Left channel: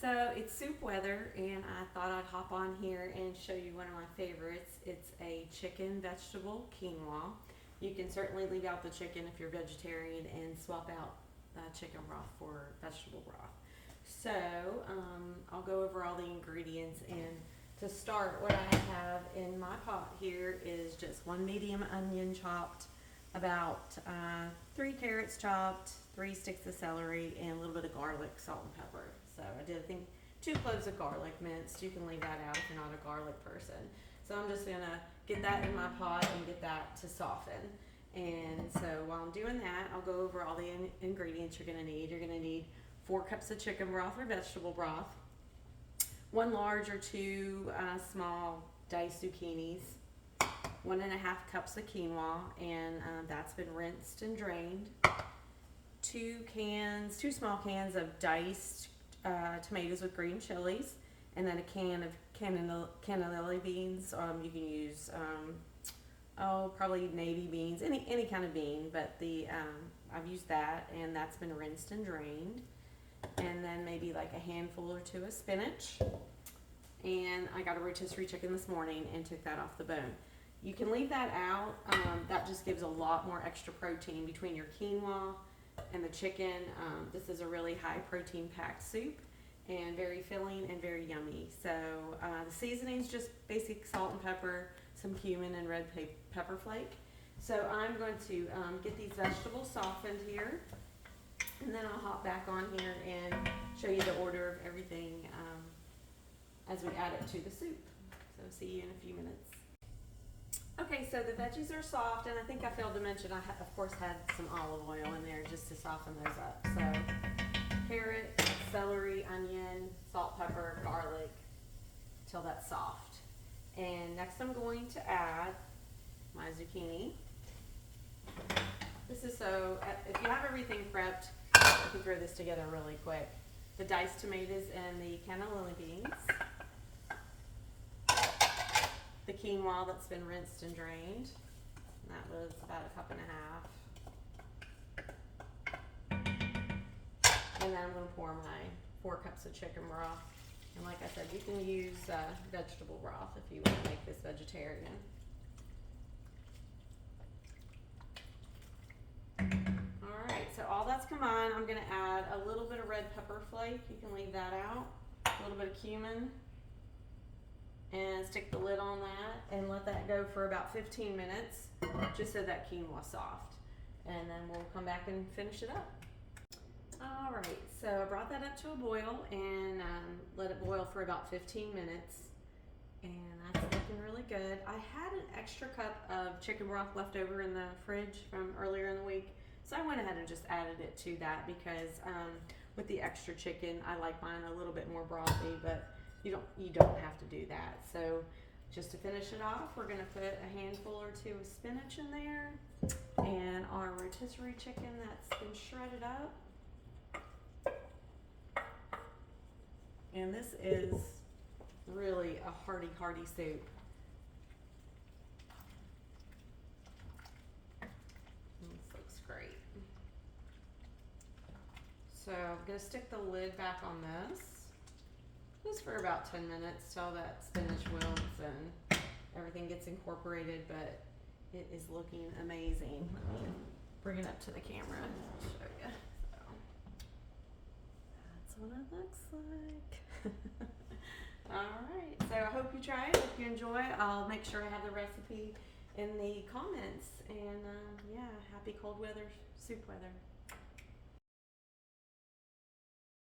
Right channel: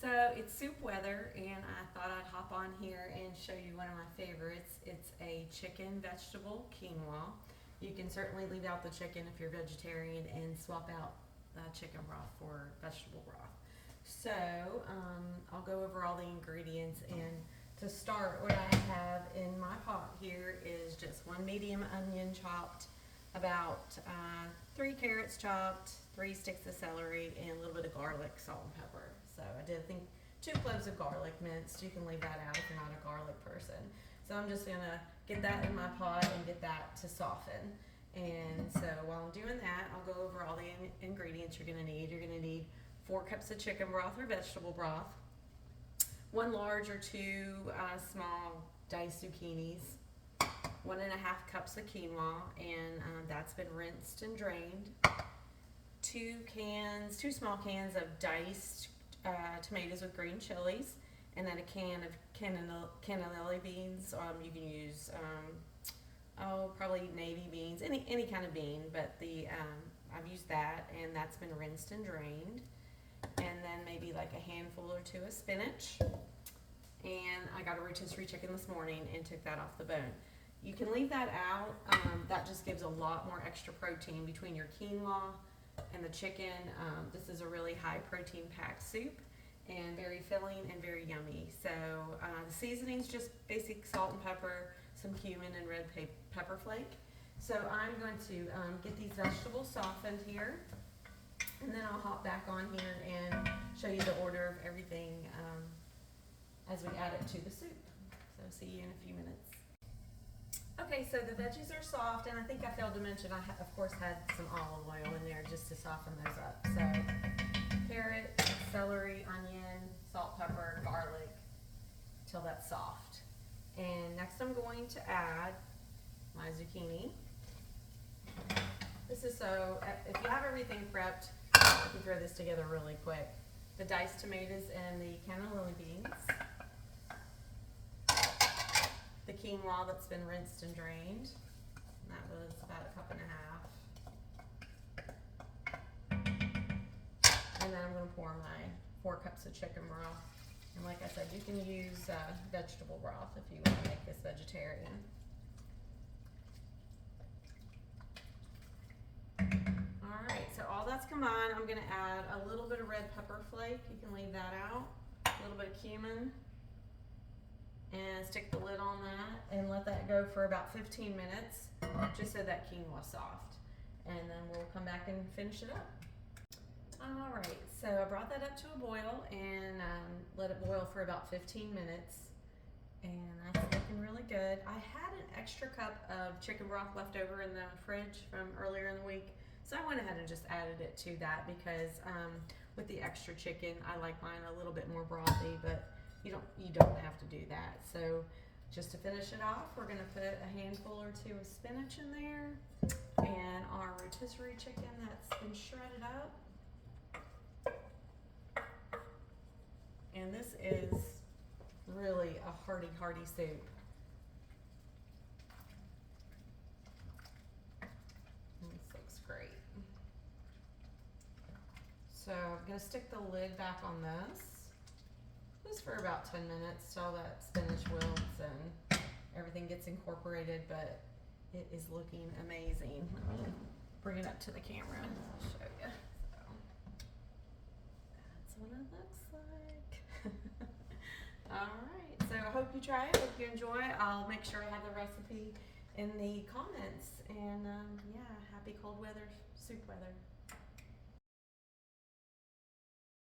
So it's soup weather, and I thought I'd hop on here and show you one of my favorites. It's a chicken vegetable quinoa. You can certainly leave out the chicken if you're vegetarian and swap out chicken broth for vegetable broth. So I'll go over all the ingredients, and to start, what I have in my pot here is just one medium onion chopped, about 3 carrots chopped, 3 sticks of celery, and a little bit of garlic, salt, and pepper. So I did, I think, 2 cloves of garlic minced. You can leave that out if you're not a garlic person. So I'm just gonna get that in my pot and get that to soften. And so while I'm doing that, I'll go over all the ingredients you're gonna need. You're gonna need 4 cups of chicken broth or vegetable broth, 1 large or 2 small diced zucchinis, 1.5 cups of quinoa, and that's been rinsed and drained. 2 small cans of diced tomatoes with green chilies, and then a can of cannellini beans. You can use probably navy beans, any kind of bean, but I've used that, and that's been rinsed and drained. And then maybe like a handful or 2 of spinach. And I got a rotisserie chicken this morning and took that off the bone. You can leave that out. That just gives a lot more extra protein between your quinoa and the chicken. This is a really high protein packed soup and very filling and very yummy. So the seasoning's just basic salt and pepper, some cumin and red pepper flake. So I'm going to get these vegetables softened here, and then I'll hop back on here and show you the order of everything as we add it to the soup. So see you in a few minutes. Okay, so the veggies are soft, and I think I failed to mention I of course had some olive oil in there just to soften those up. So carrot, celery, onion, salt, pepper, garlic, till that's soft. And next I'm going to add my zucchini. This is so, if you have everything prepped, you can throw this together really quick. The diced tomatoes and the cannellini beans. The quinoa that's been rinsed and drained. That was about 1.5 cups. And then I'm going to pour my 4 cups of chicken broth. And like I said, you can use vegetable broth if you want to make this vegetarian. Alright, so all that's combined, I'm going to add a little bit of red pepper flake. You can leave that out. A little bit of cumin. And stick the lid on that and let that go for about 15 minutes, just so that quinoa is soft. And then we'll come back and finish it up. All right, so I brought that up to a boil and let it boil for about 15 minutes. And that's looking really good. I had an extra cup of chicken broth left over in the fridge from earlier in the week. So I went ahead and just added it to that because with the extra chicken, I like mine a little bit more brothy, but you don't have to do that. So just to finish it off, we're gonna put a handful or 2 of spinach in there and our rotisserie chicken that's been shredded up. And this is really a hearty soup. This looks great. So I'm gonna stick the lid back on this. Just for about 10 minutes till that spinach wilts and everything gets incorporated, but it is looking amazing. Let me bring it up to the camera and show you. So that's what it looks like. Alright, so I hope you try it, hope you enjoy. I'll make sure I have the recipe in the comments, and yeah, happy cold weather, soup weather.